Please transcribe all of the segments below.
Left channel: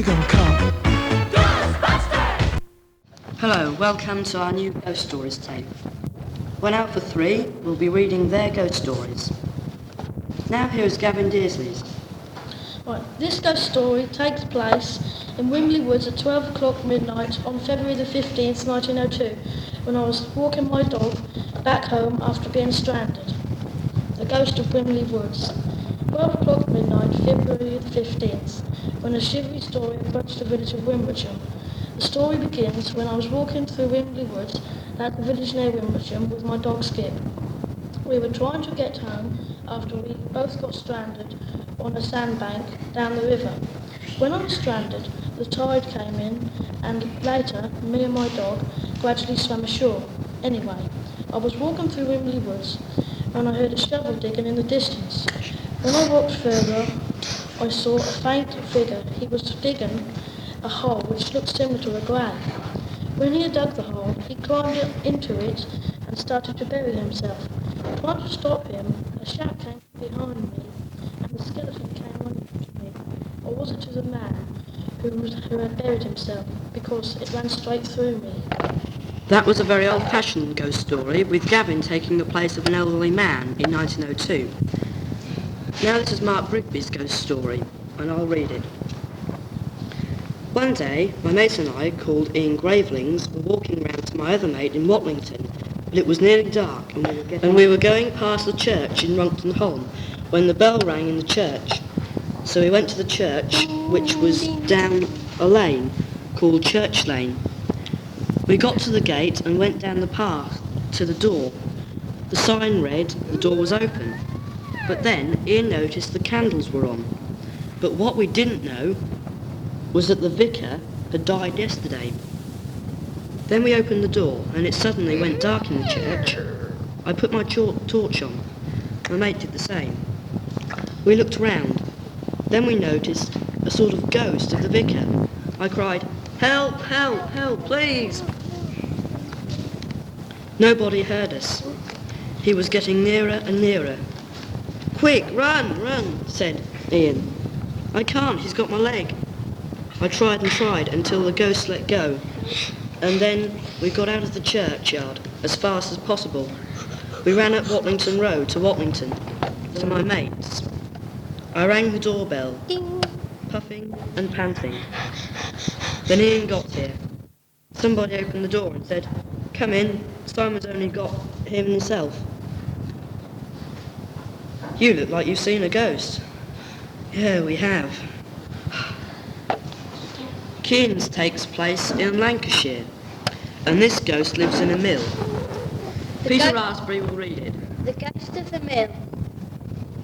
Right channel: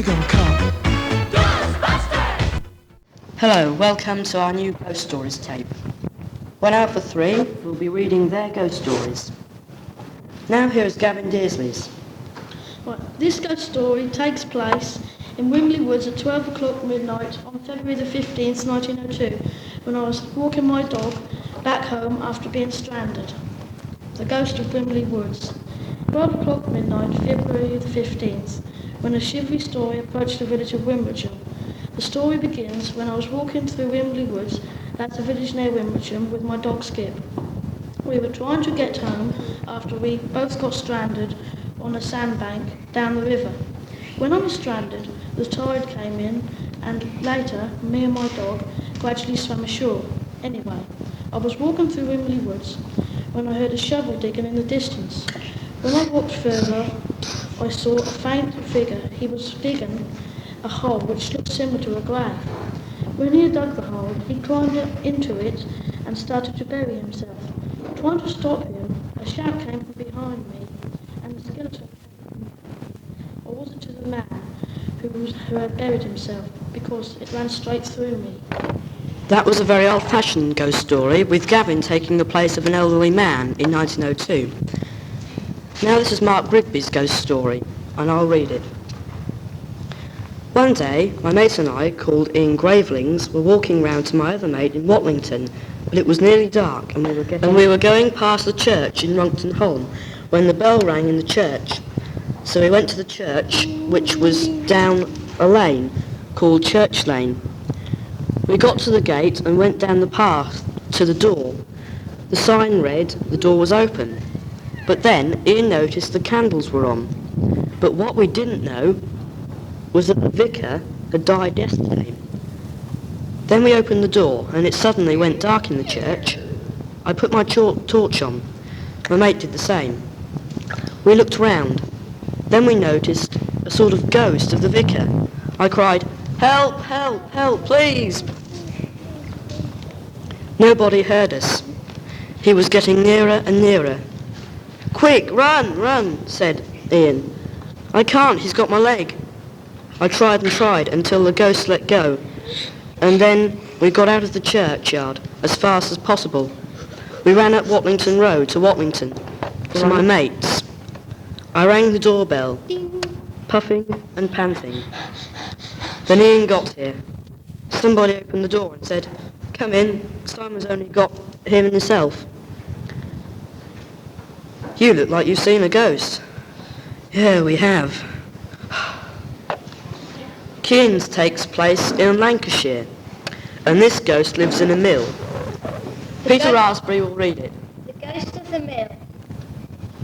you gonna come? Hello, welcome to our new ghost stories tape. 1 hour for 3, we'll be reading their ghost stories. Now here is Gavin Dearsley's. Right, this ghost story takes place in Whimley Woods at 12 o'clock midnight on February the 15th, 1902, when I was walking my dog back home after being stranded. The Ghost of Whimley Woods. 12 o'clock midnight, February the 15th, when a shivery story approached the village of Wimbledon. The story begins when I was walking through Whimley Woods at the village near Wimbledon with my dog Skip. We were trying to get home after we both got stranded on a sandbank down the river. When I was stranded, the tide came in and later, me and my dog gradually swam ashore. Anyway, I was walking through Whimley Woods and I heard a shovel digging in the distance. When I walked further, I saw a faint figure. He was digging a hole which looked similar to a grave. When he had dug the hole, he climbed into it and started to bury himself. Trying to stop him, a shout came from behind me and the skeleton came on to me. Or was it to the man who had buried himself, because it ran straight through me. That was a very old-fashioned ghost story, with Gavin taking the place of an elderly man in 1902. Now this is Marc Rigby's ghost story, and I'll read it. One day, my mate and I, called Ian Gravelings, were walking round to my other mate in Pollington, but it was nearly dark, and we were going past the church in Runcton Holm when the bell rang in the church. So we went to the church, which was down a lane called Church Lane. We got to the gate and went down the path to the door. The sign read the door was open, but then Ian noticed the candles were on. But what we didn't know was that the vicar had died yesterday. Then we opened the door and it suddenly went dark in the church. I put my torch on. My mate did the same. We looked round. Then we noticed a sort of ghost of the vicar. I cried, "Help, help, help, please!" Nobody heard us. He was getting nearer and nearer. "Quick, run, run," said Ian. "I can't, he's got my leg." I tried and tried until the ghost let go. And then we got out of the churchyard as fast as possible. We ran up Watlington Road to Watlington, to my mate's. I rang the doorbell, puffing and panting. Then Ian got here. Somebody opened the door and said, "Come in, Simon's only got him and himself." "You look like you've seen a ghost." "Yeah, we have." Kean's takes place in Lancashire, and this ghost lives in a mill. Peter Rasberry will read it. The Ghost of the Mill.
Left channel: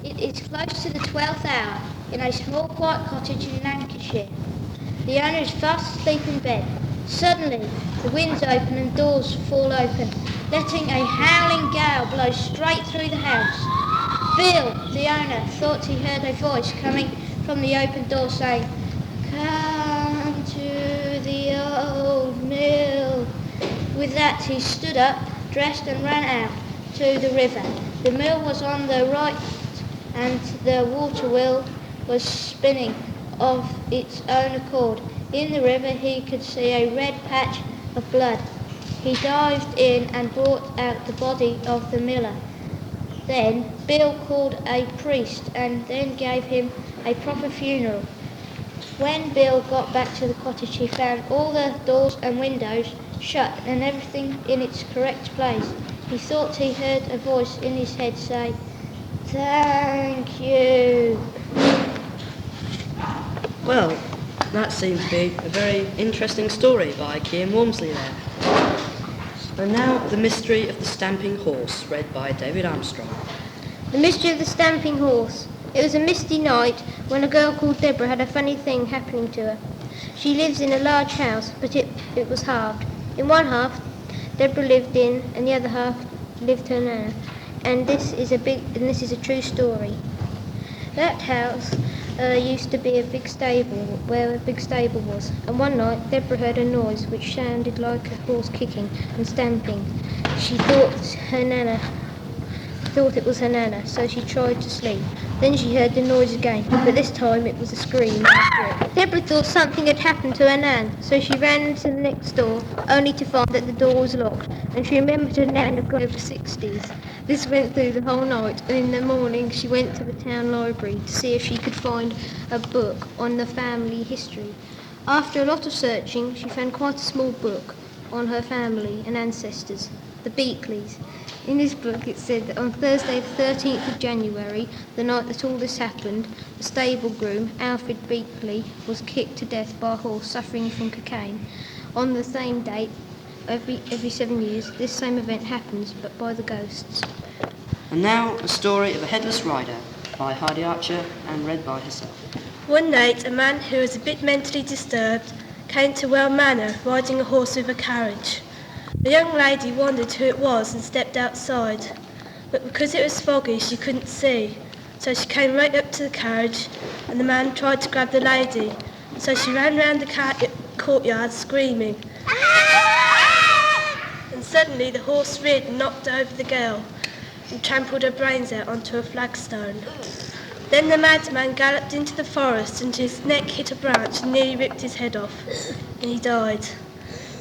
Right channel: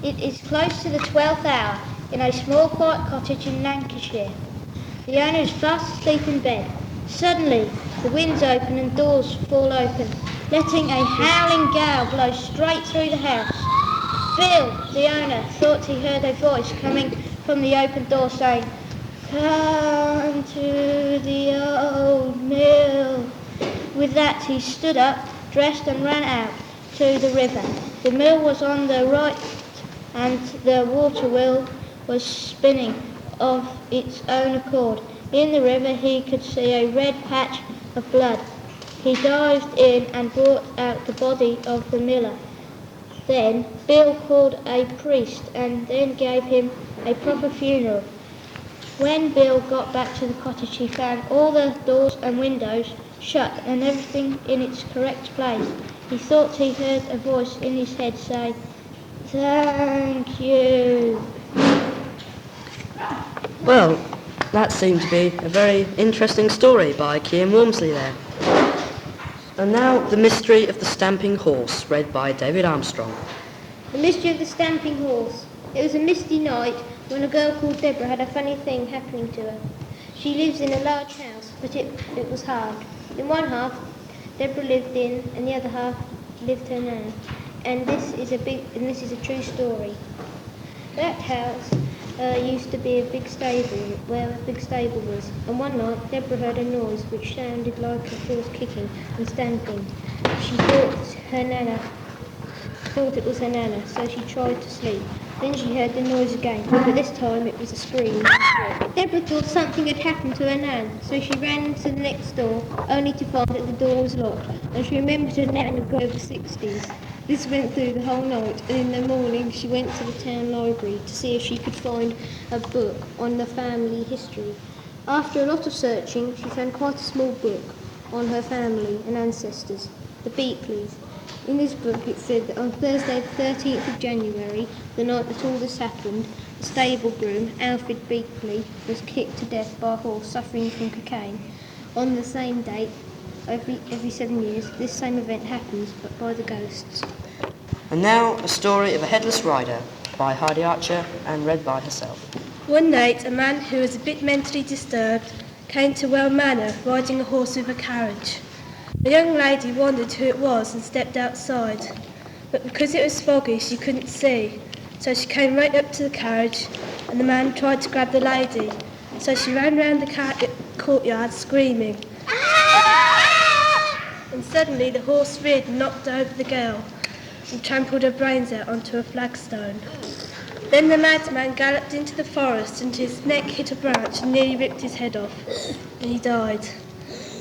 It is close to the 12th hour, in a small quiet cottage in Lancashire. The owner is fast asleep in bed. Suddenly, the winds open and doors fall open, letting a howling gale blow straight through the house. Bill, the owner, thought he heard a voice coming from the open door saying, "Come to the old mill." With that, he stood up, dressed and ran out to the river. The mill was on the right and the water wheel was spinning of its own accord. In the river he could see a red patch of blood. He dived in and brought out the body of the miller. Then Bill called a priest and then gave him a proper funeral. When Bill got back to the cottage he found all the doors and windows shut and everything in its correct place. He thought he heard a voice in his head say, "Thank you." Well, that seemed to be a very interesting story by Kean Walmsley there. And now, The Mystery of the Stamping Horse, read by David Armstrong. The Mystery of the Stamping Horse. It was a misty night when a girl called Deborah had a funny thing happening to her. She lives in a large house, but it was halved. In one half, Deborah lived in, and the other half lived her nana. And this is a true story. That house used to be a big stable, where a big stable was. And one night, Deborah heard a noise which sounded like a horse kicking and stamping. She thought it was her nana, so she tried to sleep. Then she heard the noise again, but this time it was a scream. Deborah thought something had happened to her nan, so she ran into the next door, only to find that the door was locked, and she remembered her nan had gone over 60s. This went through the whole night, and in the morning she went to the town library to see if she could find a book on the family history. After a lot of searching, she found quite a small book on her family and ancestors, the Beakleys. In this book it said that on Thursday the 13th of January, the night that all this happened, the stable groom, Alfred Beakley, was kicked to death by a horse suffering from cocaine. On the same date, every 7 years, this same event happens, but by the ghosts. And now, a story of a headless rider by Heidi Archer and read by herself. One night, a man who was a bit mentally disturbed came to Well Manor riding a horse with a carriage. A young lady wondered who it was and stepped outside, but because it was foggy she couldn't see, so she came right up to the carriage and the man tried to grab the lady, so she ran round the courtyard screaming. And suddenly the horse reared and knocked over the girl and trampled her brains out onto a flagstone. Then the madman galloped into the forest and his neck hit a branch and nearly ripped his head off, and he died.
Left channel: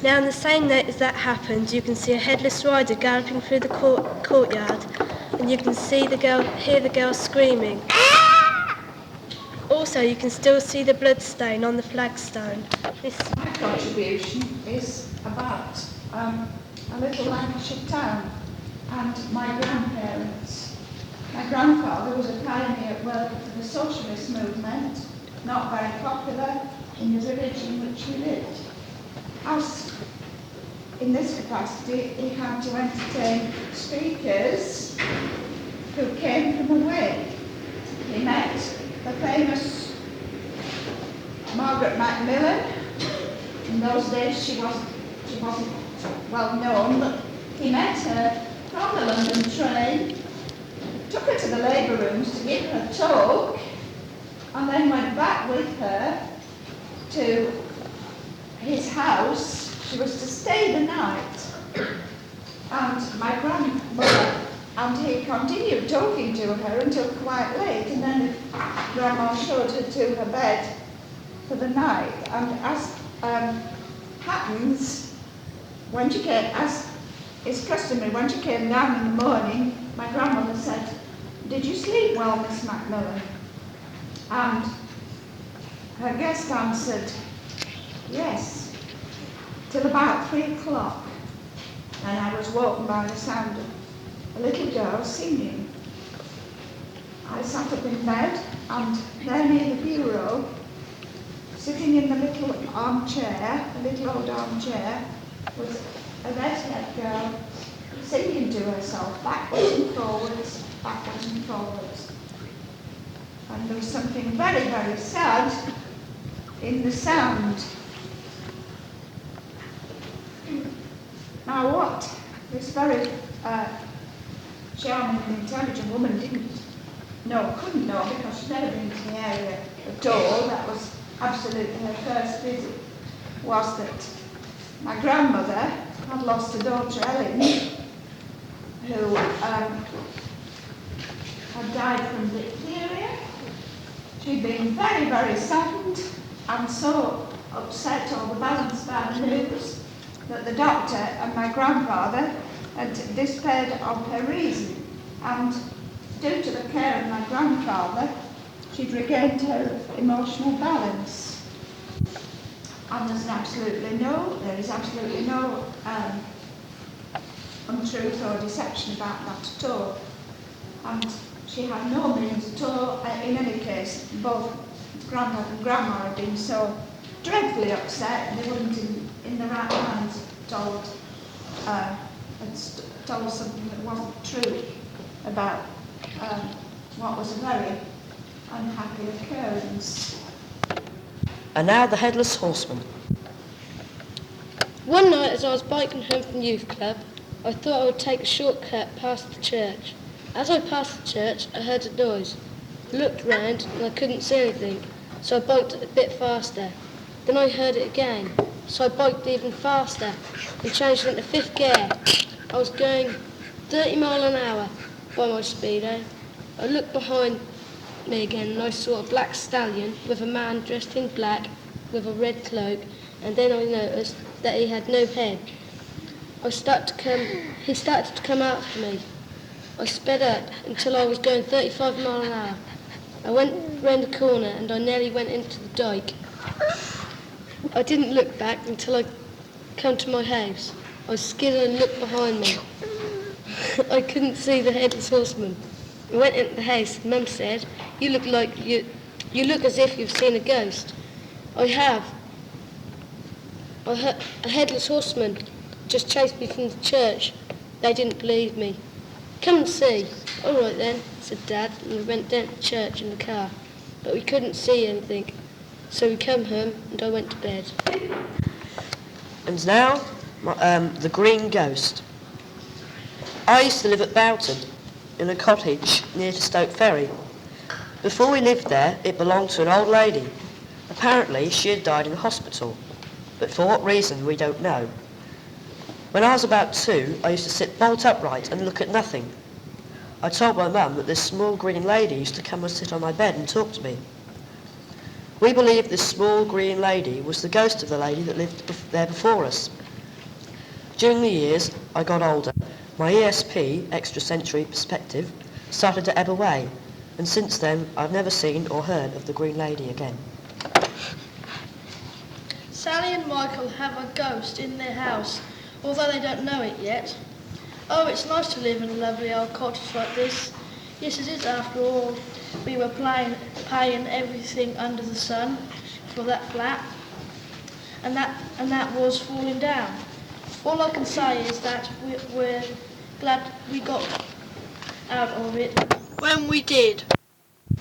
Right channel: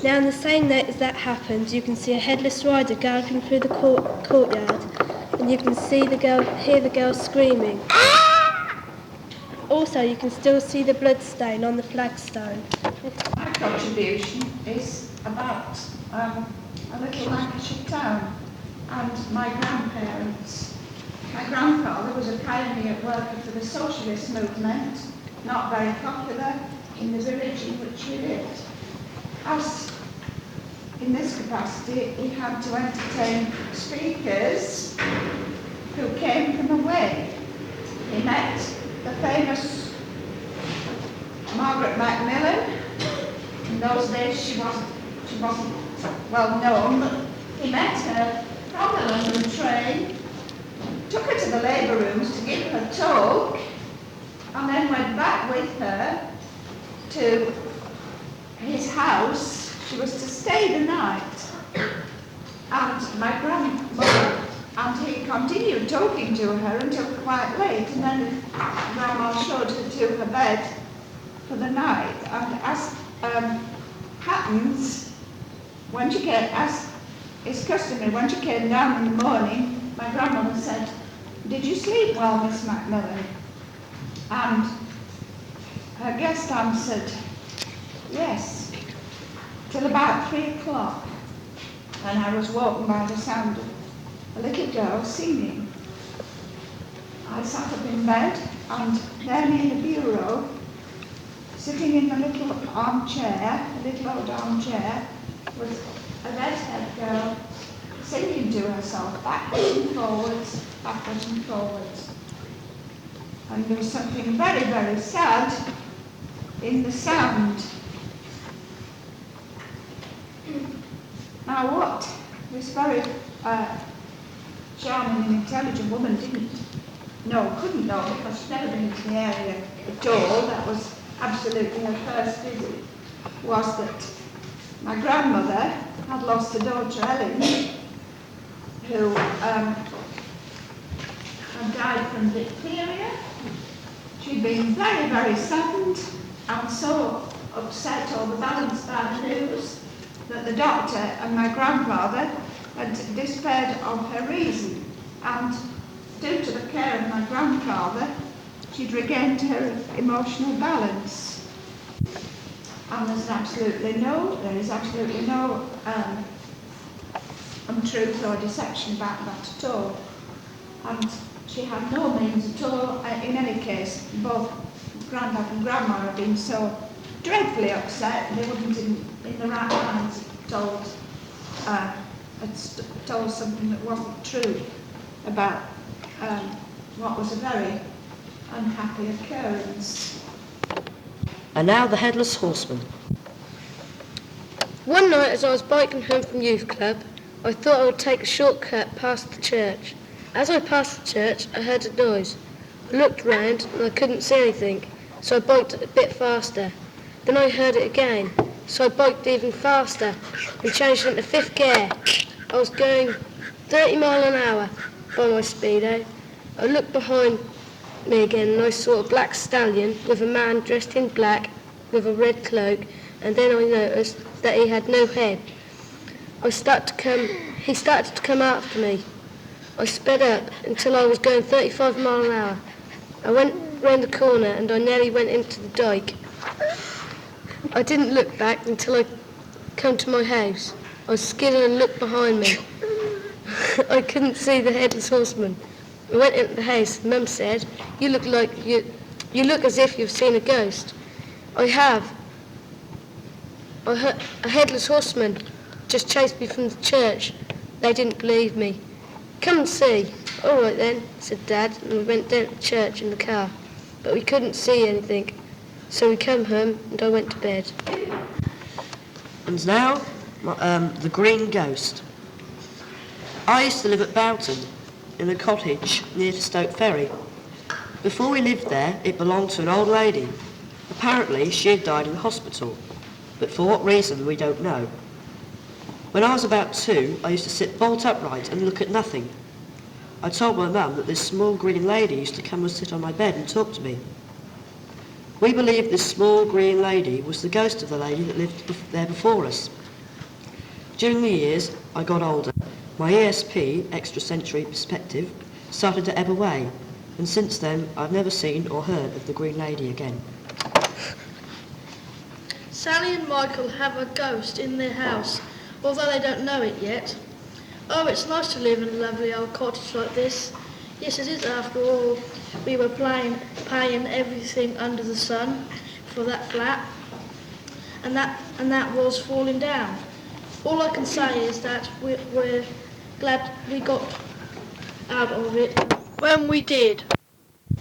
Now on the same night as that happened, you can see a headless rider galloping through the courtyard, and you can hear the girl screaming. Also, you can still see the blood stain on the flagstone. My contribution is about a little Lancashire town and my grandparents. My grandfather was a pioneer working for the socialist movement, not very popular in the village in which he lived. As in this capacity, he had to entertain speakers who came from away. He met the famous Margaret Macmillan. In those days she wasn't well known, but he met her from the London train, took her to the labour rooms to give her talk, and then went back with her to his house. She was to stay the night. And my grandmother and he continued talking to her until quite late, and then Grandma showed her to her bed for the night. And as happens, when she came, as is customary, when she came down in the morning, my grandmother said, "Did you sleep well, Miss Macmillan?" And her guest answered, "Yes," till about 3 o'clock. Then I was woken by the sound of a little girl singing. I sat up in bed, and there in the bureau, sitting in the little armchair, the little old armchair, was a red-haired girl singing to herself, backwards and forwards, backwards and forwards. And there was something very, very sad in the sound. Now what this very charming and intelligent woman couldn't know, because she'd never been to the area at all, that was absolutely her first visit, was that my grandmother had lost her daughter Ellen, who had died from diphtheria. She'd been very, very saddened and so upset overbalanced by the news that the doctor and my grandfather had despaired of her reason, and due to the care of my grandfather, she'd regained her emotional balance. And there is absolutely no untruth or deception about that at all. And she had no means at all. In any case, both Grandad and Grandma had been so dreadfully upset, they wouldn't in the right mind told something that wasn't true about what was a very unhappy occurrence. And now the Headless Horseman. One night as I was biking home from youth club, I thought I would take a shortcut past the church. As I passed the church, I heard a noise. I looked round and I couldn't see anything, so I biked a bit faster. Then I heard it again, so I biked even faster and changed into 5th gear. I was going 30 miles an hour by my speedo. I looked behind at me again and I saw a black stallion with a man dressed in black with a red cloak, and then I noticed that he had no head. He started to come after me. I sped up until I was going 35 miles an hour. I went round the corner and I nearly went into the dyke. I didn't look back until I come to my house. I skidded and looked behind me. I couldn't see the Headless Horseman. I went into the house and Mum said, you look as if you've seen a ghost. I have. I heard a Headless Horseman just chased me from the church. They didn't believe me. Come and see. All right then, said Dad, and we went down to church in the car. But we couldn't see anything. So we came home and I went to bed. And now, the Green Ghost. I used to live at Boughton, in a cottage near to Stoke Ferry. Before we lived there, it belonged to an old lady. Apparently, she had died in the hospital, but for what reason, we don't know. When I was about 2, I used to sit bolt upright and look at nothing. I told my mum that this small green lady used to come and sit on my bed and talk to me. We believed this small green lady was the ghost of the lady that lived there before us. During the years I got older, my ESP, extrasensory perspective, started to ebb away, and since then I've never seen or heard of the green lady again. Sally and Michael have a ghost in their house, although they don't know it yet. Oh, it's nice to live in a lovely old cottage like this. Yes, it is after all. We were paying everything under the sun for that flat, and that was falling down. All I can say is that we're glad we got out of it when we did.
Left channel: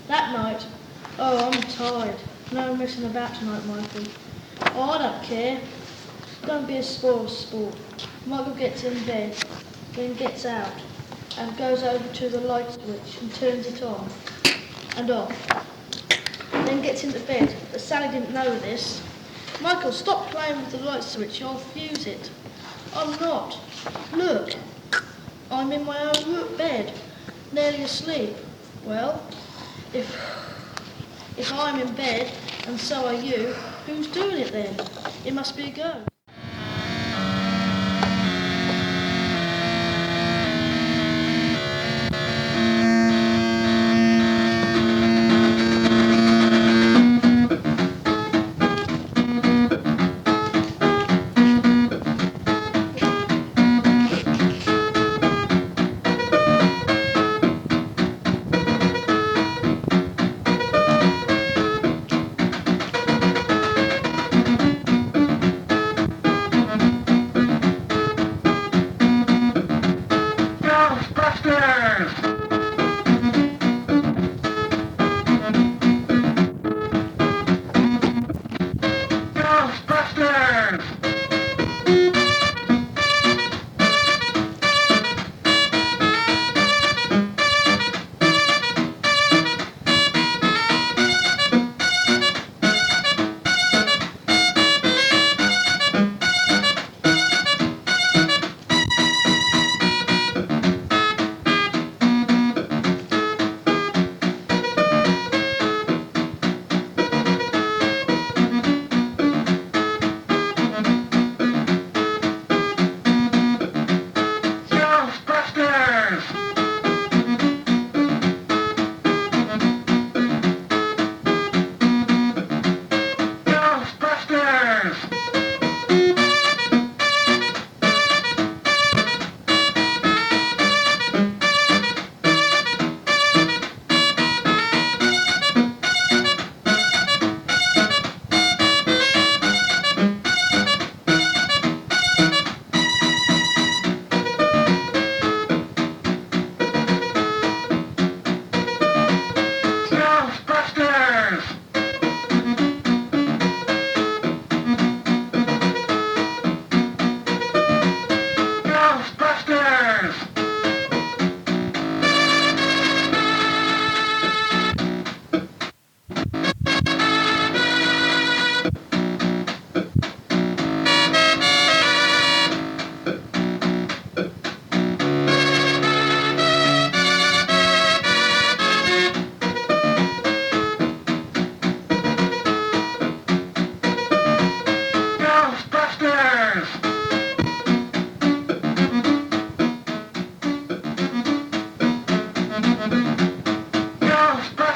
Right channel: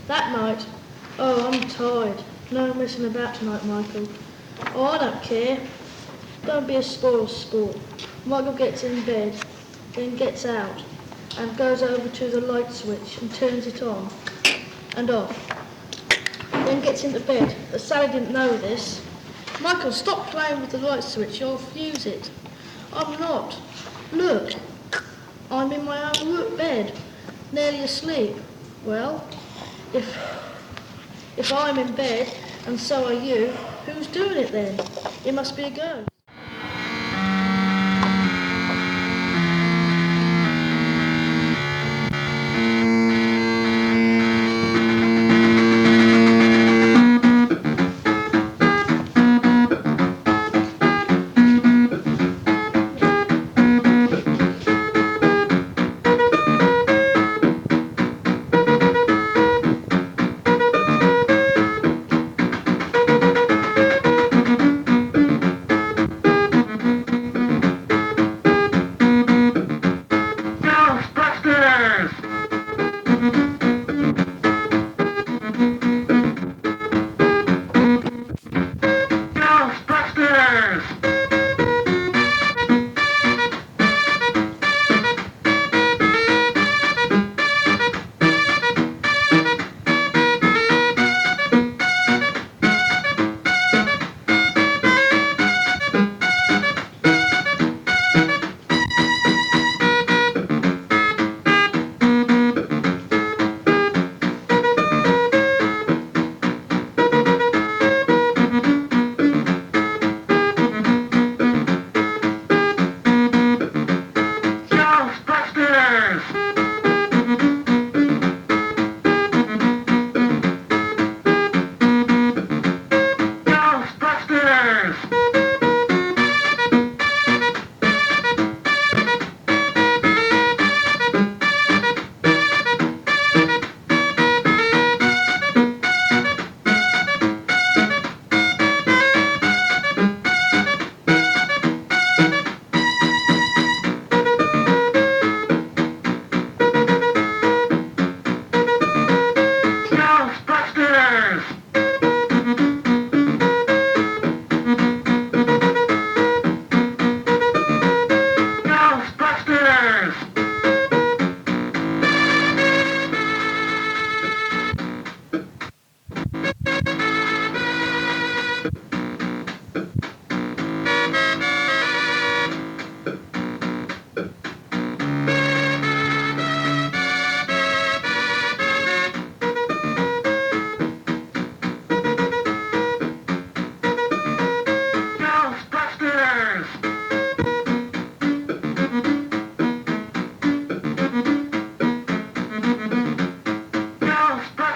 That night, oh, I'm tired. No messing about tonight, Michael. Oh, I don't care. Don't be a spoil sport. Michael gets in bed, then gets out, and goes over to the light switch and turns it on and off. Then gets into bed, but Sally didn't know this. Michael, stop playing with the light switch, you'll fuse it. I'm not. Look, I'm in my own bed, nearly asleep. Well, if I'm in bed and so are you, who's doing it then? It must be a ghost.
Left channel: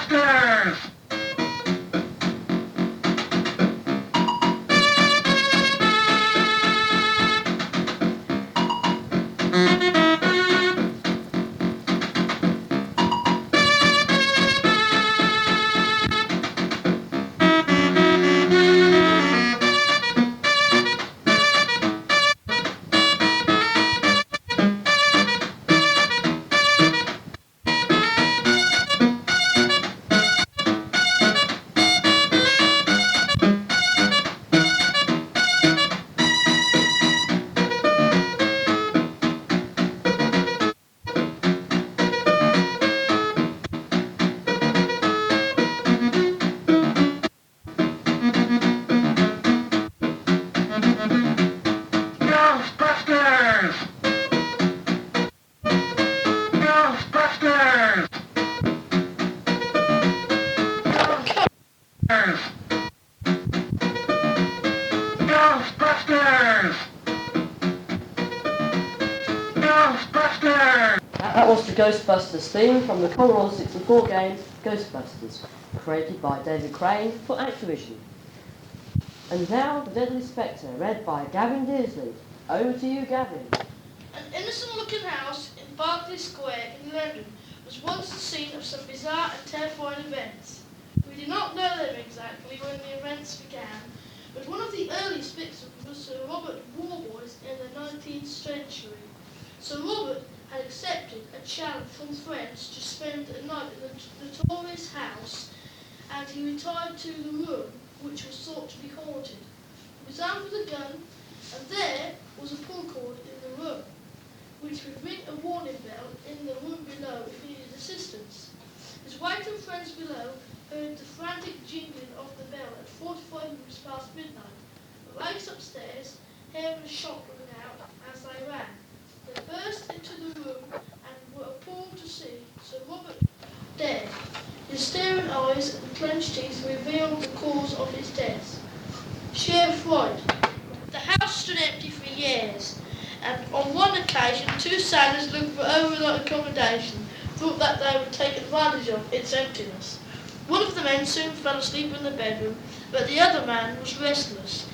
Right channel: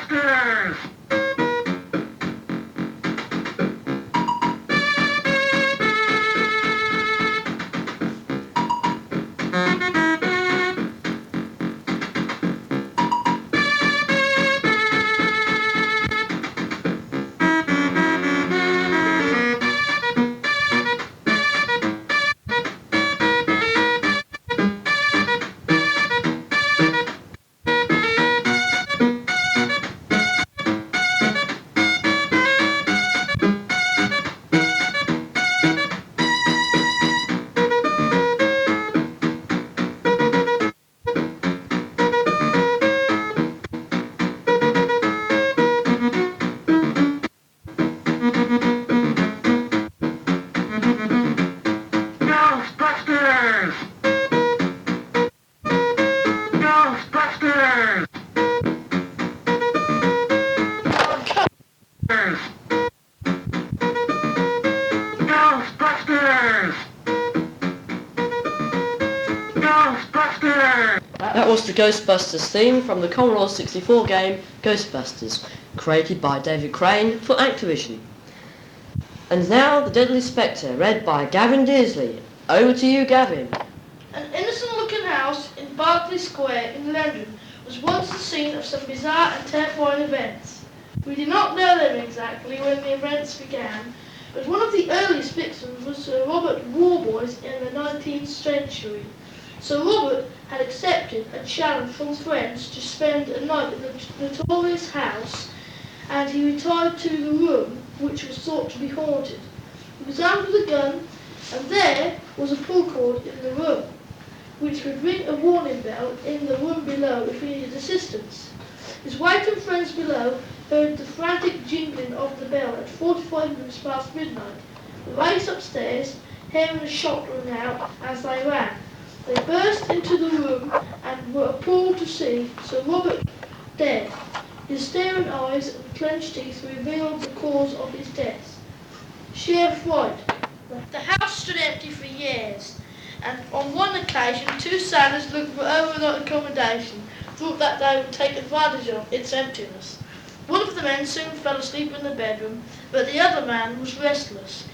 Ghostbusters! Ghostbusters! Ghostbusters! Ghostbusters! Ghostbusters! That was the Ghostbusters theme from the Commodore 64 game Ghostbusters, created by David Crane for Activision. And now the Deadly Spectre, read by Gavin Dearsley. Over to you, Gavin. An innocent-looking house in Berkeley Square in London was once the scene of some bizarre and terrifying events. We do not know them exactly when the events began, but one of the earliest victims was Sir Robert Warboys in the 19th century. Sir Robert had accepted a challenge from friends to spend a night in the notorious house, and he retired to the room which was thought to be haunted. He was armed with a gun, and there was a pull cord in the room, which would ring a warning bell in the room below if he needed assistance. His wife and friends below heard the frantic jingling of the bell at 45 minutes past midnight. They raced upstairs, hearing a shot ring out as they ran. They burst into the room and were appalled to see Sir Robert dead. His staring eyes and clenched teeth revealed the cause of his death: sheer fright. The house stood empty for years, and on one occasion 2 sailors looking for overnight accommodation thought that they would take advantage of its emptiness. One of the men soon fell asleep in the bedroom, but the other man was restless.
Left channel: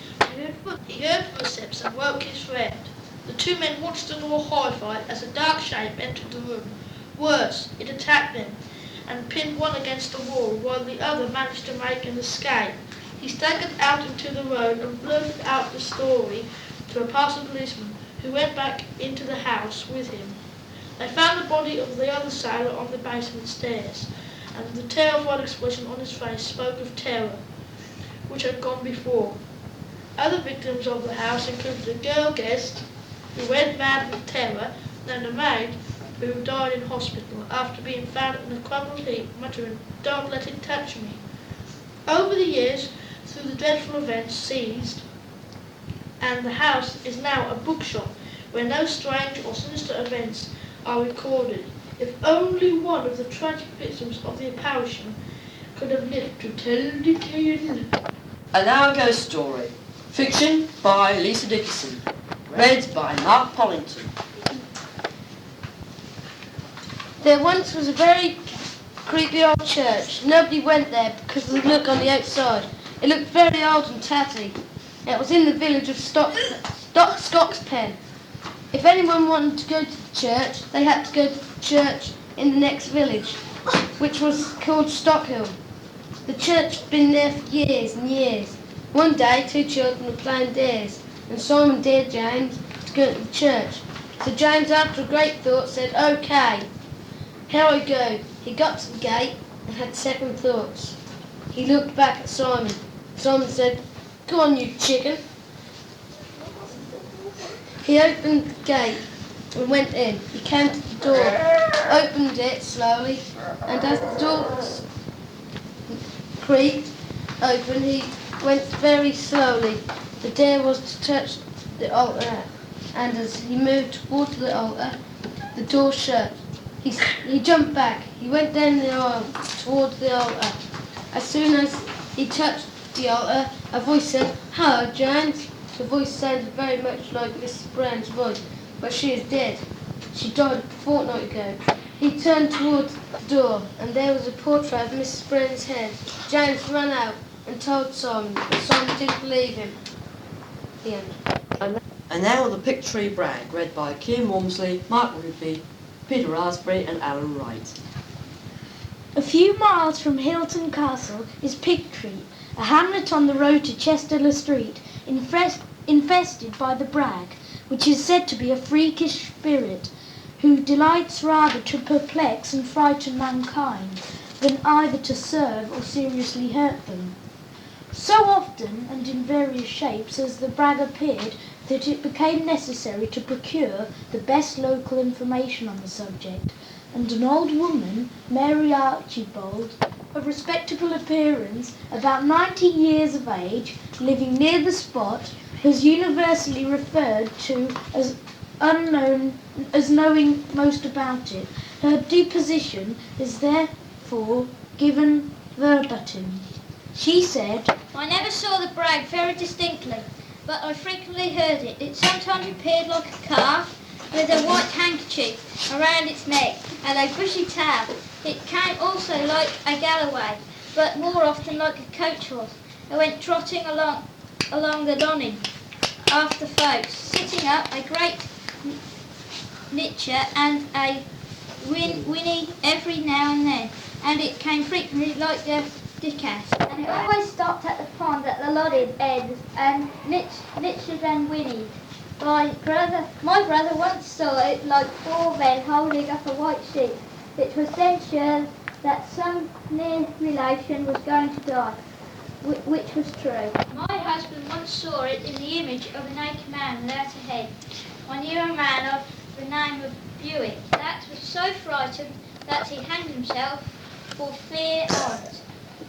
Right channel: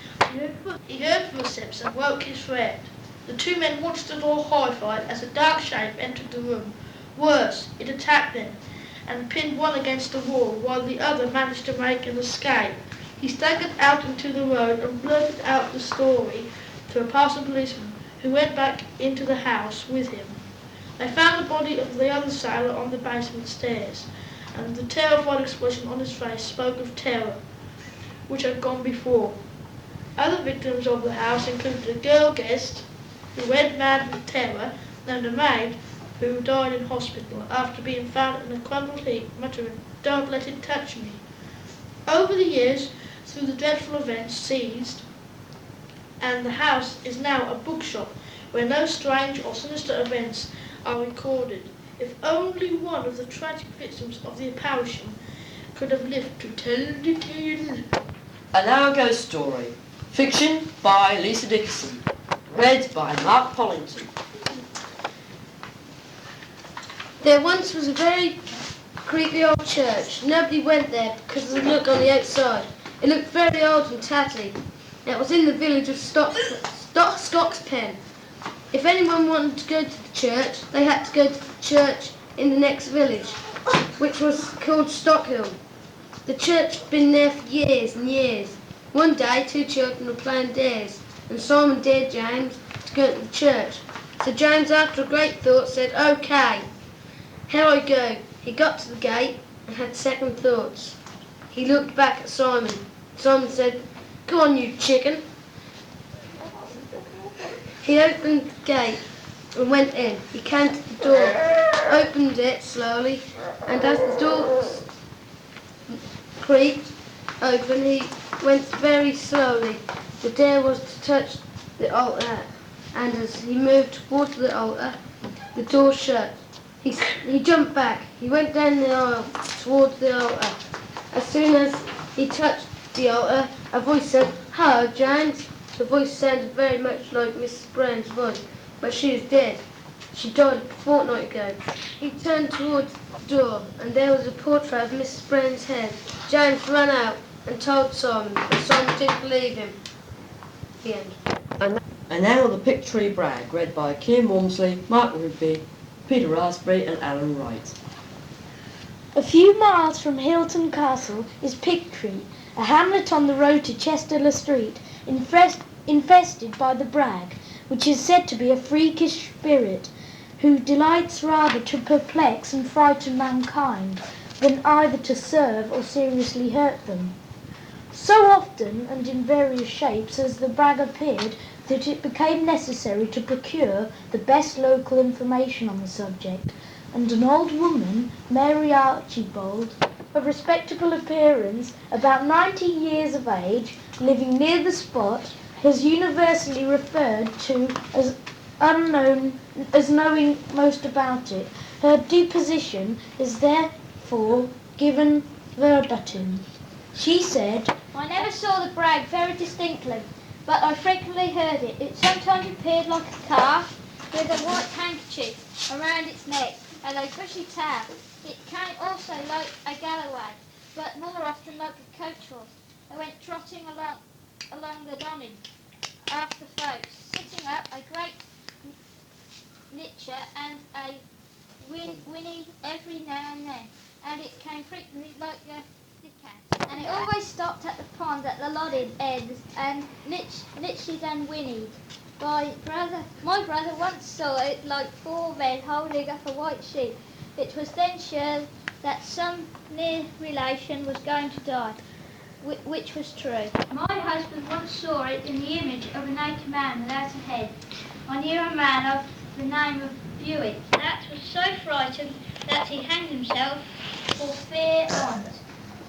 He heard footsteps and woke his friend. The 2 men watched the door horrified as a dark shape entered the room. Worse, it attacked them and pinned one against the wall while the other managed to make an escape. He staggered out into the road and blurted out the story to a passing policeman, who went back into the house with him. They found the body of the other sailor on the basement stairs, and the terrified expression on his face spoke of terror, which had gone before. Other victims of the house included a girl guest who went mad with terror, and a maid who died in hospital after being found in a crumpled heap, muttering, "Don't let it touch me." Over the years, through the dreadful events seized, and the house is now a bookshop where no strange or sinister events are recorded. If only one of the tragic victims of the apparition could have lived to tell the tale. And now a ghost story. Fiction by Lisa Dickerson. Read by Marc Pollington. There once was a very creepy old church. Nobody went there because of the look on the outside. It looked very old and tatty. It was in the village of Scotspen. If anyone wanted to go to the church, they had to go to the church in the next village, which was called Stockhill. The church had been there for years and years. One day, 2 children were playing dares, and Simon dared James to go to the church. So James, after a great thought, said, "Okay, here I go." He got to the gate and had second thoughts. He looked back at Simon. Simon said, "Go on, you chicken." He opened the gate and went in. He came to the door, opened it slowly, and as the door creaked open, he went very slowly. The dare was to touch the altar, and as he moved towards the altar, the door shut. He jumped back. He went down the aisle towards the altar. As soon as he touched the altar, a voice said, "Hello, James." The voice sounded very much like Mrs. Brown's voice, but she is dead. She died a fortnight ago. He turned towards the door, and there was a portrait of Mrs. Brennan's head. James ran out and told Simon, but Simon didn't believe him. The end. And now the Picktree Brag, read by Kean Walmsley, Marc Rigby, Peter Rasberry and Alan Wright. A few miles from Hilton Castle is Picktree, a hamlet on the road to Chester Street, infested by the Brag, which is said to be a freakish spirit who delights rather to perplex and frighten mankind than either to serve or seriously hurt them. So often and in various shapes has the Brag appeared that it became necessary to procure the best local information on the subject, and an old woman, Mary Archibald, of respectable appearance, about 90 years of age, living near the spot, has universally referred to as knowing most about it. Her deposition is therefore given verbatim. She said, I never saw the Brag very distinctly, but I frequently heard it. It sometimes appeared like a calf with a white handkerchief around its neck and a bushy tail. It came also like a galloway, but more often like a coach horse. It went trotting along the Donning after folks, sitting up a great nicher and a whinny every now and then, and it came frequently like a Dickerson. And it always stopped at the pond at the lodded ends and nitchered and whinnied. My brother once saw it like four men holding up a white sheep. It was then sure that some near relation was going to die, which was true. My husband once saw it in the image of a naked man without a head. I knew a man of the name of Buick that was so frightened that he hanged himself for fear on't.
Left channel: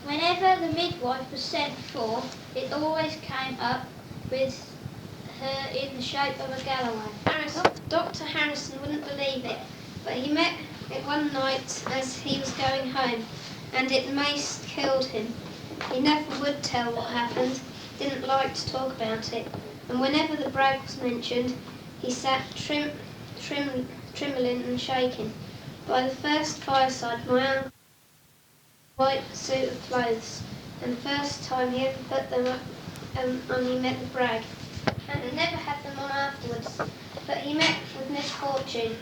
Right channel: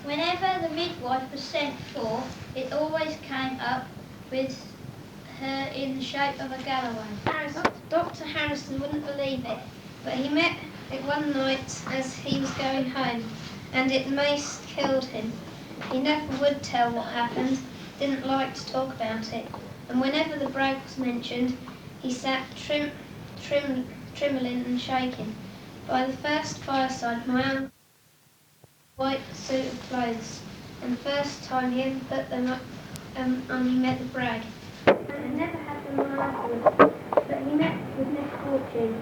Whenever the midwife was sent for, it always came up with her in the shape of a galloway. Dr. Harrison wouldn't believe it, but he met it one night as he was going home, and it most killed him. He never would tell what happened, didn't like to talk about it, and whenever the Brag was mentioned, he sat trembling and shaking. By the first fireside, my uncle white suit of clothes, and the first time he ever put them on, he met the Brag, and never had them on afterwards, but he met with misfortune.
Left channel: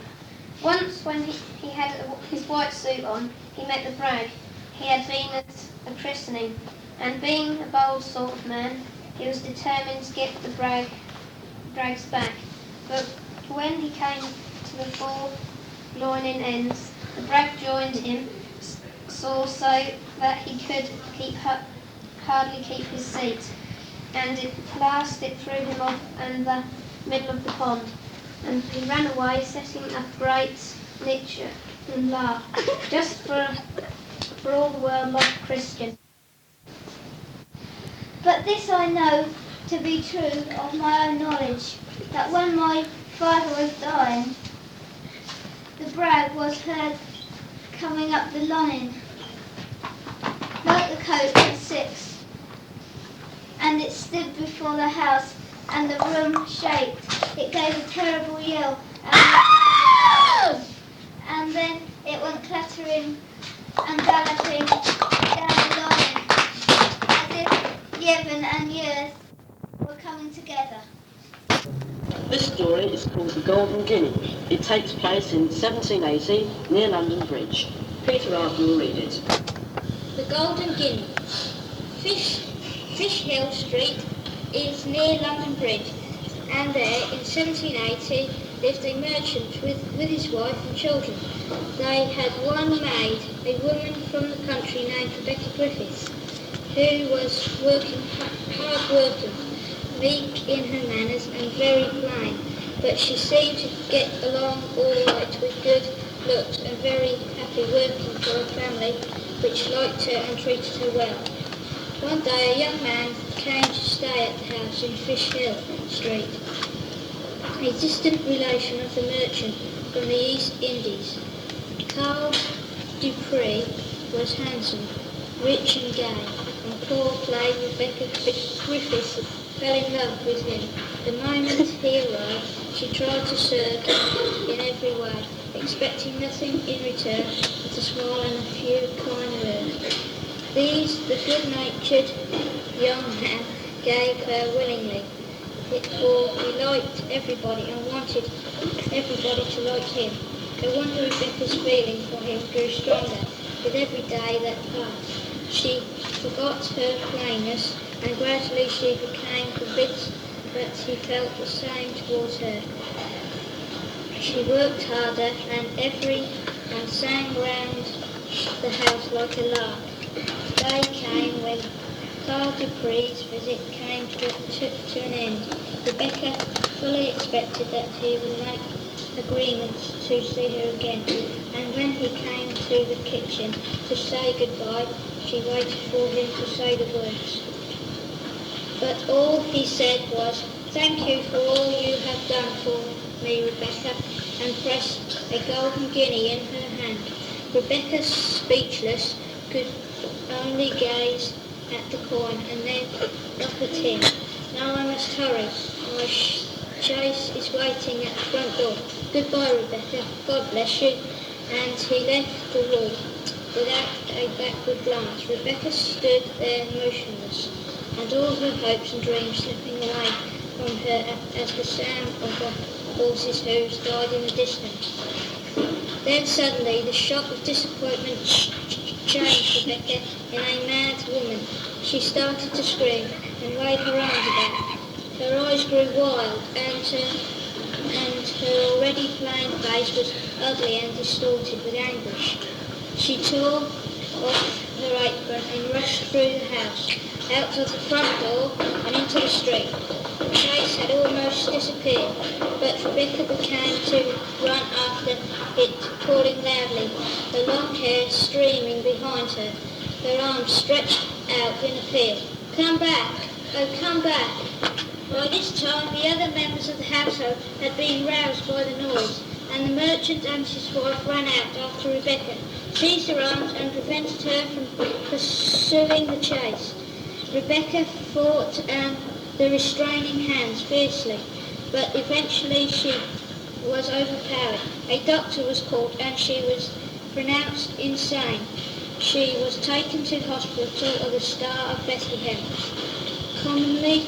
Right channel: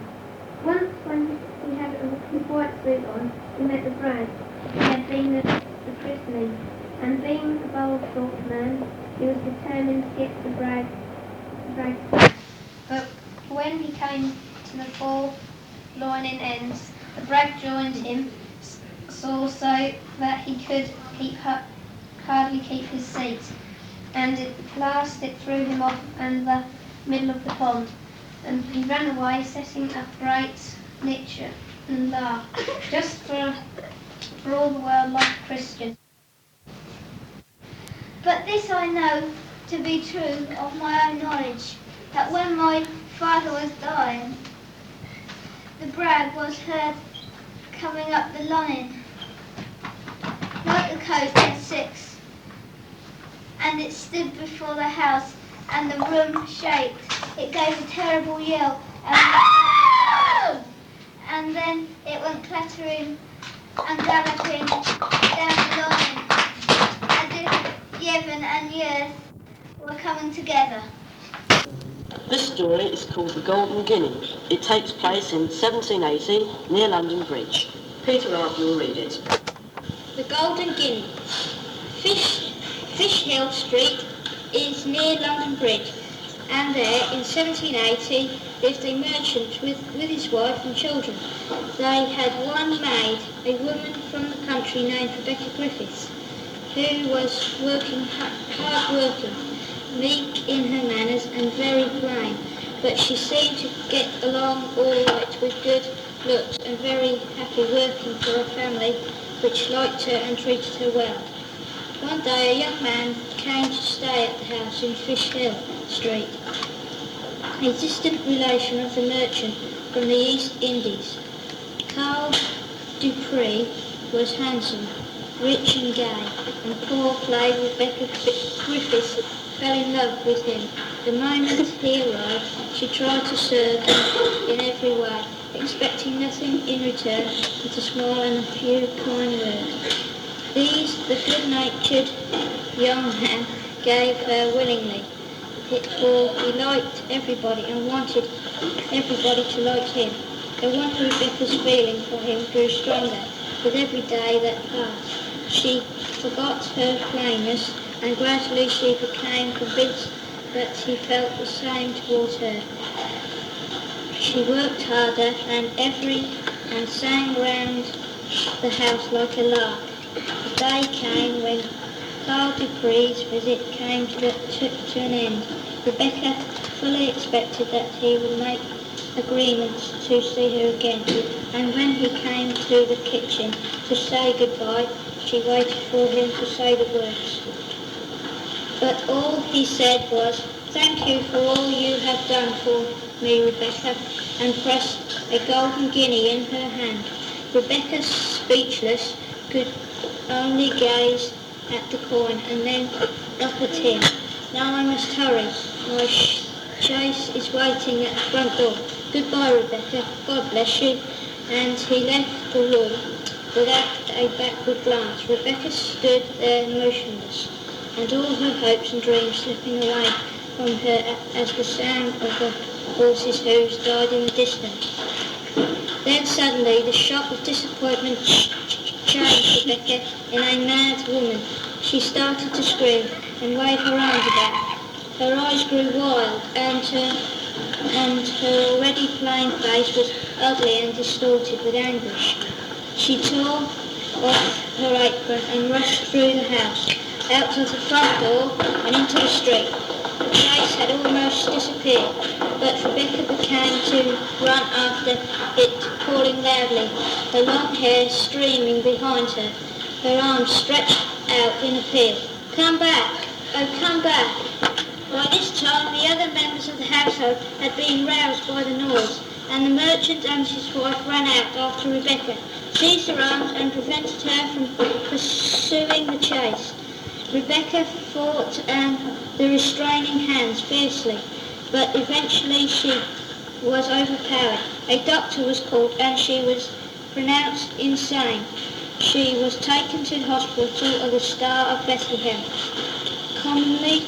Once when he had his white suit on, he met the Brag. He had been at a christening, and being a bold sort of man, he was determined to get the Brags back. But when he came to the four lining ends, the Brag joined him, so that he could hardly keep his seat, and at last it threw him off in the middle of the pond, and he ran away, setting up a great lecture and laugh, just for all the world like a Christian. But this I know to be true of my own knowledge, that when my father was dying, the Brag was heard coming up the line, like the coach at 6, and it stood before the house, and the room shaked. It gave a terrible yell, and then it went clattering and galloping down the line, as if Yevon and Yers were coming together. This story is called The Golden Guinea. It takes place in 1780 near London Bridge. Peter Rasberry will read it. The Golden Guinea. Fish Hill Street is near London Bridge, and there in 1780 lived a merchant with his wife and children. They had one maid, a woman from the country named Rebecca Griffiths, who was hard working, meek in her manners and very plain, but she seemed to get along all right with good looks and very happy working for a family which liked her and treated her well. One day a young man came to stay at the house in Fish Hill Street, a distant relation of the merchant from the East Indies. Carl Dupree was handsome, rich and gay, and poor plain Rebecca Griffiths fell in love with him The moment he arrived, she tried to serve him in every way, expecting nothing in return but a smile and a few kind words. These the good-natured young man gave her willingly, for he liked everybody and wanted everybody to like him. No wonder Rebecca's feeling for him grew stronger with every day that passed. She forgot her plainness, and gradually she became convinced that he felt the same towards her. She worked harder and sang round the house like a lark. The day came when Carl Dupree's visit came to an end. Rebecca fully expected that he would make agreements to see her again, and when he came to the kitchen to say goodbye, she waited for him to say the words. But all he said was, "Thank you for all you have done for me, Rebecca," and pressed a golden guinea in her hand. Rebecca, speechless, could only gaze at the coin and then up at him. "Now I must hurry. My chaise is waiting at the front door. Goodbye, Rebecca. God bless you." And he left the room without a backward glance. Rebecca stood there motionless, and all her hopes and dreams slipping away from her as the sound of the horses' hoofs died in the distance. Then suddenly the shock of disappointment changed Rebecca in a mad woman. She started to scream and waved her arms about. Her eyes grew wild, and her already plain face was ugly and distorted with anguish. She tore off her apron and rushed through the house, out of the front door and into the street. The chaise had almost disappeared, but Rebecca began to run after it, calling loudly, her long hair streaming behind her, her arms stretched out in appeal. "Come back! Oh, come back!" By this time the other members of the household had been roused by the noise, and the merchant and his wife ran out after Rebecca, seized her arms and prevented her from pursuing the chase. Rebecca fought the restraining hands fiercely, but eventually she was overpowered. A doctor was called and she was pronounced insane. She was taken to the hospital of the Star of Bethlehem, commonly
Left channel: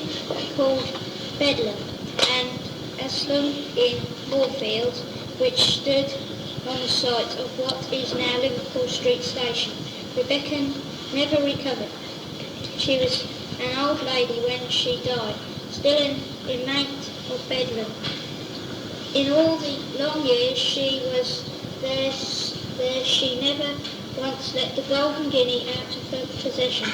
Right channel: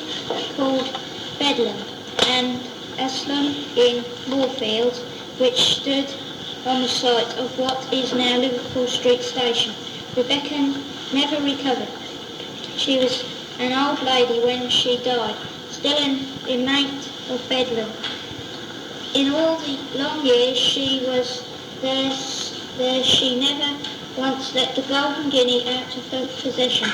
called Bedlam, and asylum in Moorfields, which stood on the site of what is now Liverpool Street Station. Rebecca never recovered. She was an old lady when she died, still an inmate of Bedlam. In all the long years she was there, she never once let the golden guinea out of her possession.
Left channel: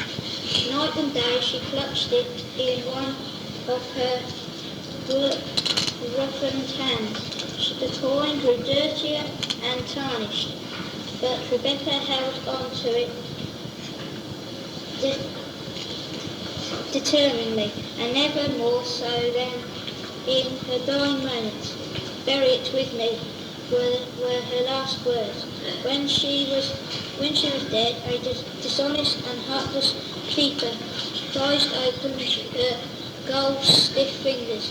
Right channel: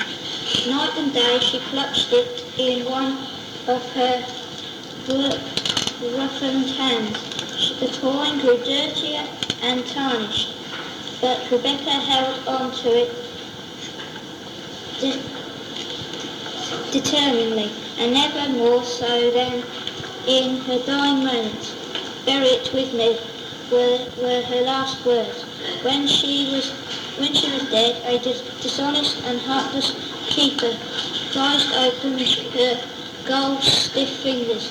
Night and day she clutched it in one of her roughened hands. The coin grew dirtier and tarnished, but Rebecca held on to it determinedly, and never more so than in her dying moments. "Bury it with me," were her last words. When she was dead, a dishonest and heartless keeper prized open her gold stiff fingers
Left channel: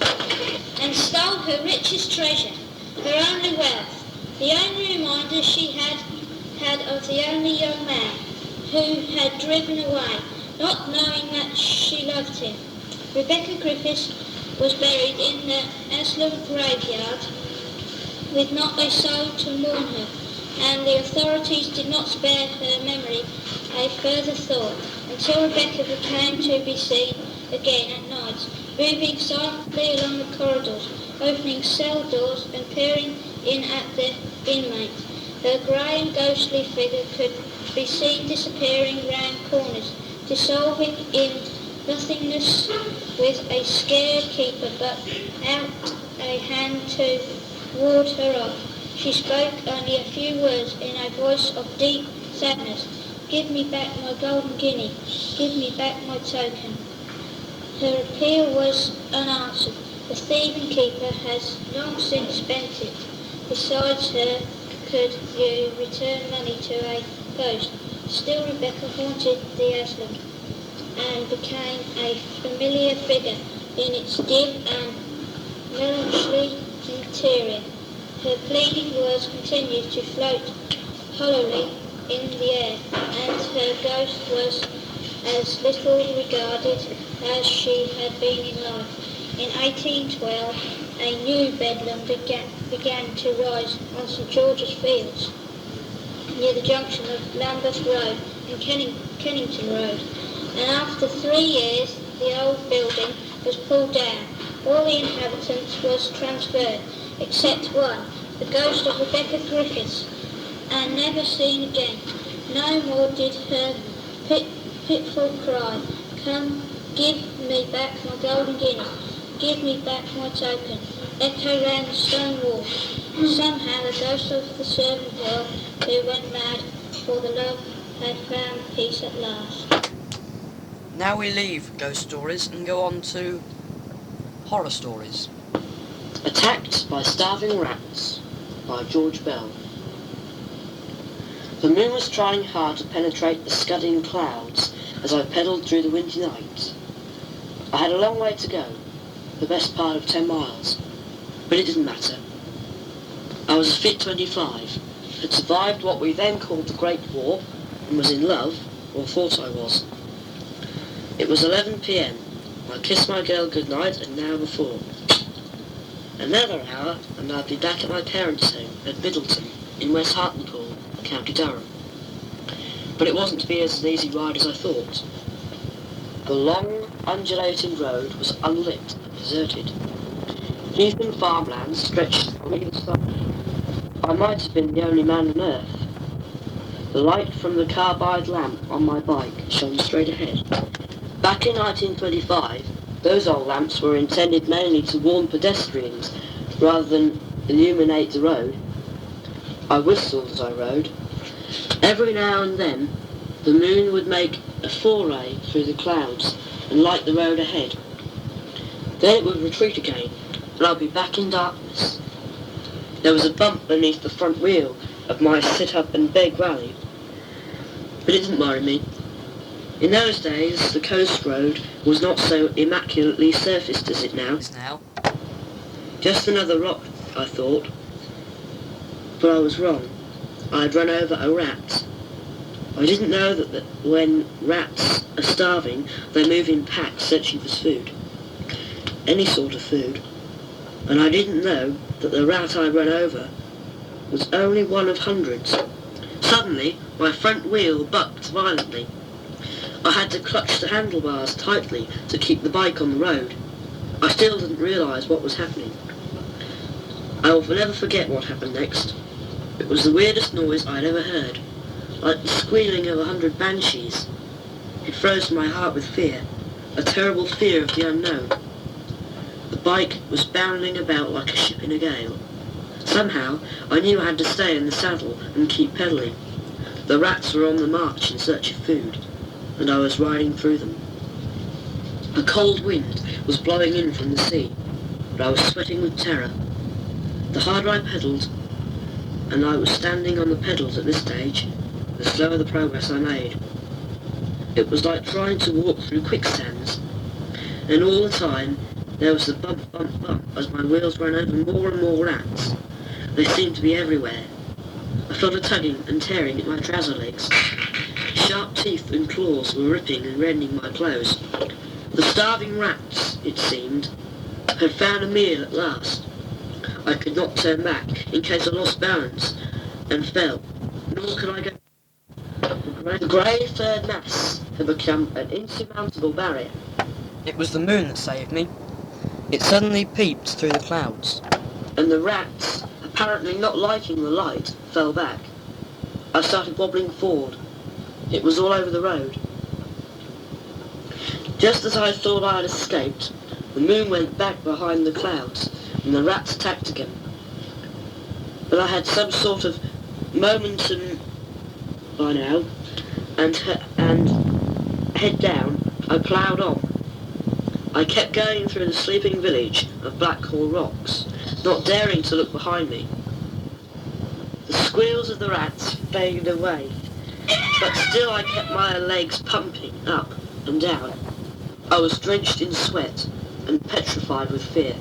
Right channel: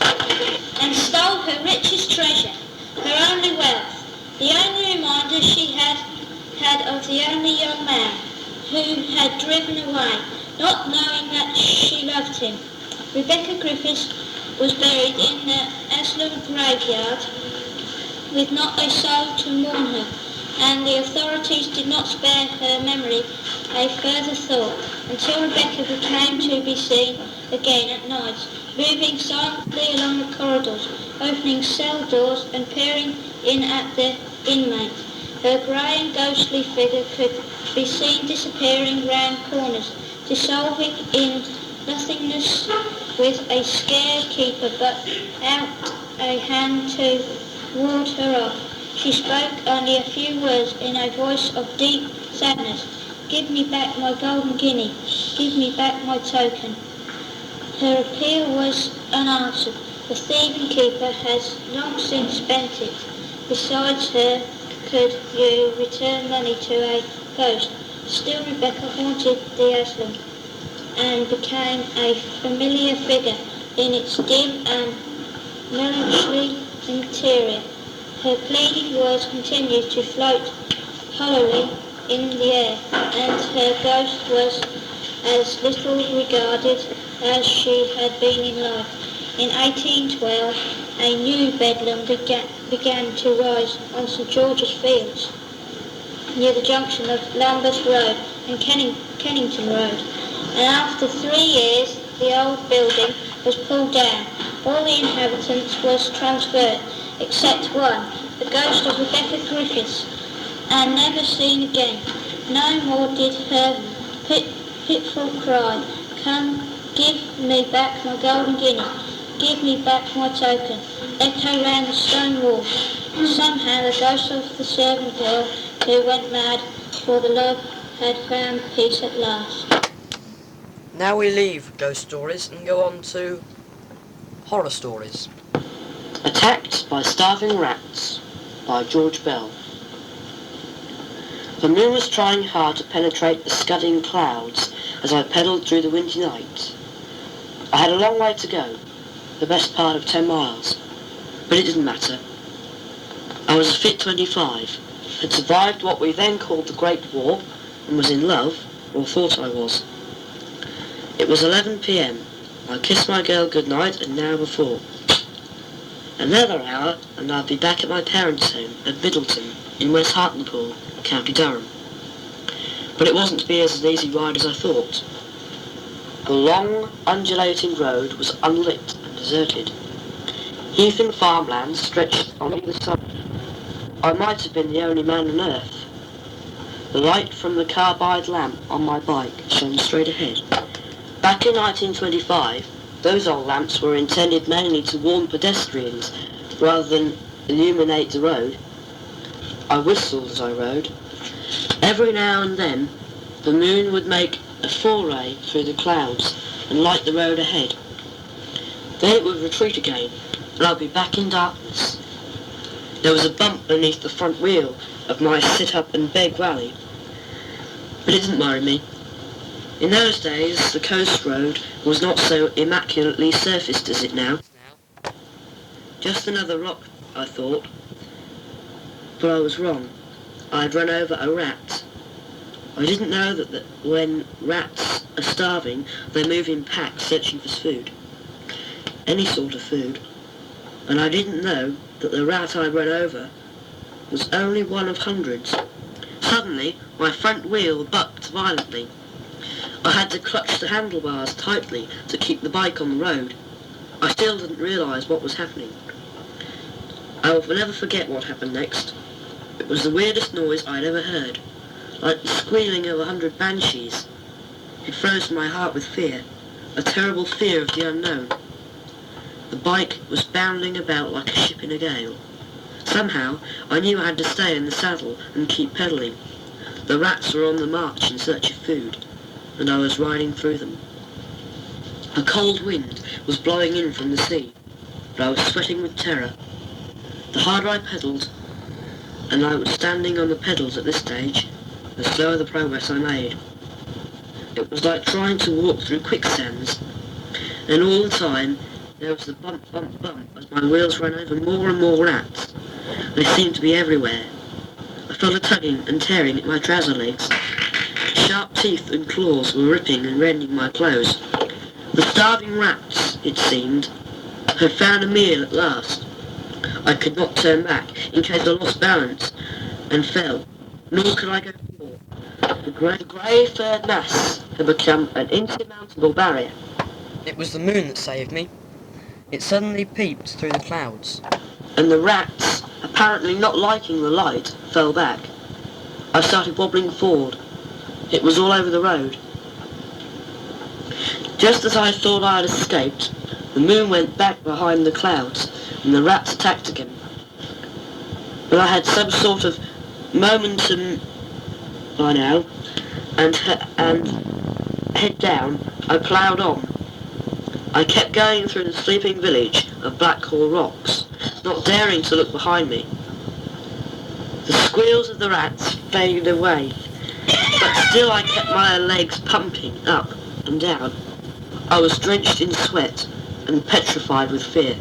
and stole her richest treasure, her only wealth, the only reminder she had of the only young man who had driven away, not knowing that she loved him. Rebecca Griffiths was buried in the Aslam graveyard with not a soul to mourn her, and the authorities did not spare her memory a further thought until Rebecca became to be seen again at nights, moving silently along the corridors, opening cell doors and peering in at the inmates. Her grey and ghostly figure could be seen disappearing round corners, dissolving in nothingness with a scared keeper but out a hand to ward her off. She spoke only a few words in a voice of deep sadness. "Give me back my golden guinea. Give me back my token." Her appeal was unanswered. The thieving keeper has long since spent it. Besides her, could you return money to a ghost? Still Rebecca haunted the asylum and became a familiar figure in its dim and melancholy and teary. Her pleading words continued to float hollowly in the air, and her ghost was as little regarded as she had been in life. In 1812, a new bedlam began to rise on St George's Fields, near the junction of Lambeth Road and Kennington Road, and after 3 years the old building was pulled down. All the inhabitants was transferred, except one, the ghost of Rebecca Griffiths, and never seen again. No more did her pitiful cry, "Come, give me back my golden guinea, give me back my token," echo round the stone wall. Somehow the ghost of the servant girl who went mad for the love had found peace at last. Now we leave ghost stories and go on to horror stories. Attacked by Starving Rats by George Bell. The moon was trying hard to penetrate the scudding clouds as I pedalled through the windy night. I had a long way to go, the best part of 10 miles, but it didn't matter. I was a fit 25, had survived what we then called the Great War, and was in love, or thought I was. It was 11 p.m. I kissed my girl goodnight an hour before. Another hour and I'd be back at my parents' home at Middleton in West Hartlepool, County Durham. But it wasn't to be as an easy ride as I thought. The long, undulating road was unlit and deserted. Heathen farmlands stretched on either side. I might have been the only man on earth. The light from the carbide lamp on my bike shone straight ahead. Back in 1925, those old lamps were intended mainly to warn pedestrians rather than illuminate the road. I whistled as I rode. Every now and then, the moon would make a foray through the clouds and light the road ahead. Then it would retreat again, and I'd be back in darkness. There was a bump beneath the front wheel of my sit-up-and-beg rally, but it didn't worry me. In those days, the coast road was not so immaculately surfaced as it now is now. Just another rock, I thought. But I was wrong. I had run over a rat. I didn't know that when rats are starving, they move in packs searching for food. Any sort of food. And I didn't know that the rat I ran over was only one of hundreds. Suddenly, my front wheel bucked violently. I had to clutch the handlebars tightly to keep the bike on the road. I still didn't realise what was happening. I will never forget what happened next. It was the weirdest noise I'd ever heard, like the squealing of 100 banshees. It froze my heart with fear, a terrible fear of the unknown. The bike was bounding about like a ship in a gale. Somehow, I knew I had to stay in the saddle and keep pedalling. The rats were on the march in search of food, and I was riding through them. A cold wind was blowing in from the sea, but I was sweating with terror. The harder I pedalled, and I was standing on the pedals at this stage, the slower the progress I made. It was like trying to walk through quicksands, and all the time there was the bump, bump, bump as my wheels ran over more and more rats. They seemed to be everywhere. I felt a tugging and tearing at my trouser legs. Sharp teeth and claws were ripping and rending my clothes. The starving rats, it seemed, had found a meal at last. I could not turn back in case I lost balance and fell, nor could I go forward. The grey furred mass had become an insurmountable barrier. It was the moon that saved me. It suddenly peeped through the clouds, and the rats, apparently not liking the light, fell back. I started wobbling forward. It was all over the road. Just as I thought I had escaped, the moon went back behind the clouds, and the rats attacked again. But I had some sort of momentum by now, and head down, I ploughed on. I kept going through the sleeping village of Blackhall Rocks, not daring to look behind me. The squeals of the rats faded away, but still I kept my legs pumping up and down. I was drenched in sweat and petrified with fear.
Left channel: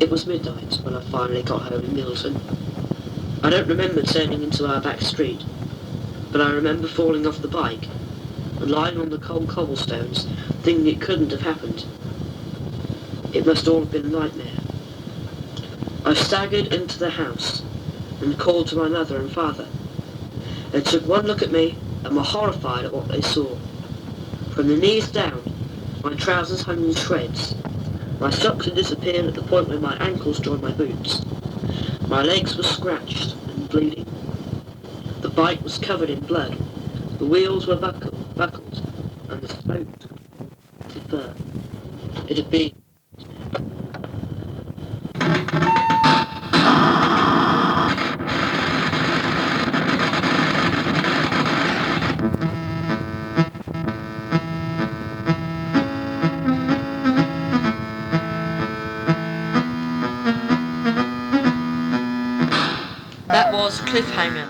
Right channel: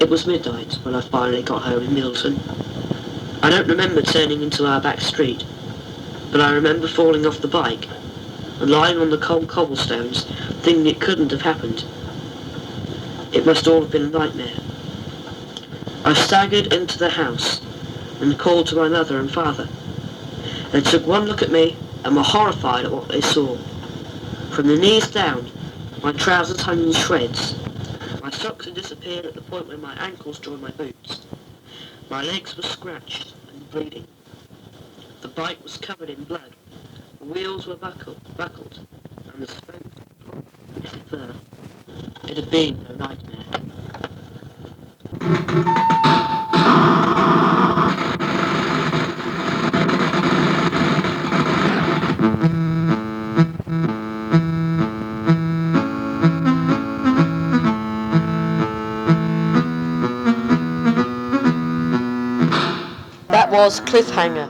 It was midnight when I finally got home in Milton. I don't remember turning into our back street, but I remember falling off the bike and lying on the cold cobblestones, thinking it couldn't have happened. It must all have been a nightmare. I staggered into the house and called to my mother and father. They took one look at me and were horrified at what they saw. From the knees down, my trousers hung in shreds. My socks had disappeared at the point where my ankles joined my boots. My legs were scratched and bleeding. The bike was covered in blood. The wheels were buckled, and the spokes had burned. It had been a nightmare. That was Cliffhanger